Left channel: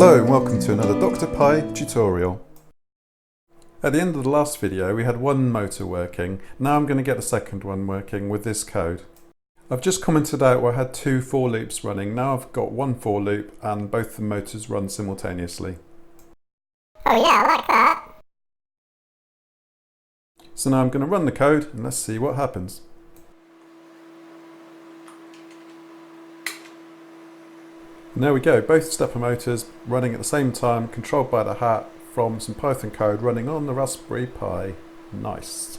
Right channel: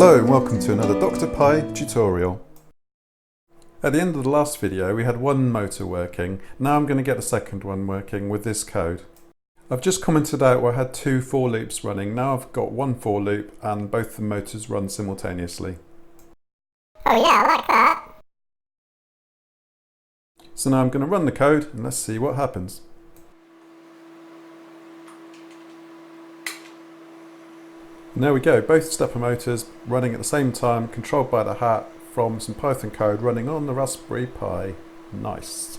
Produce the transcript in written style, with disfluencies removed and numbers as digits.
Hello and welcome to another Dr. Pi tutorial. At the end of the last video we had one motor working. Now I'm going to get the second one working with this code. I've just commented out where I had two for loops running. Now I've got one for loop and both the motors run simultaneously. Oh yeah, I like that. So now I'm going to run the code and let's see what happens. And there we go, both stepper motors running at the same time, controlled by the hat from some Python code running on the Raspberry Pi. Nice.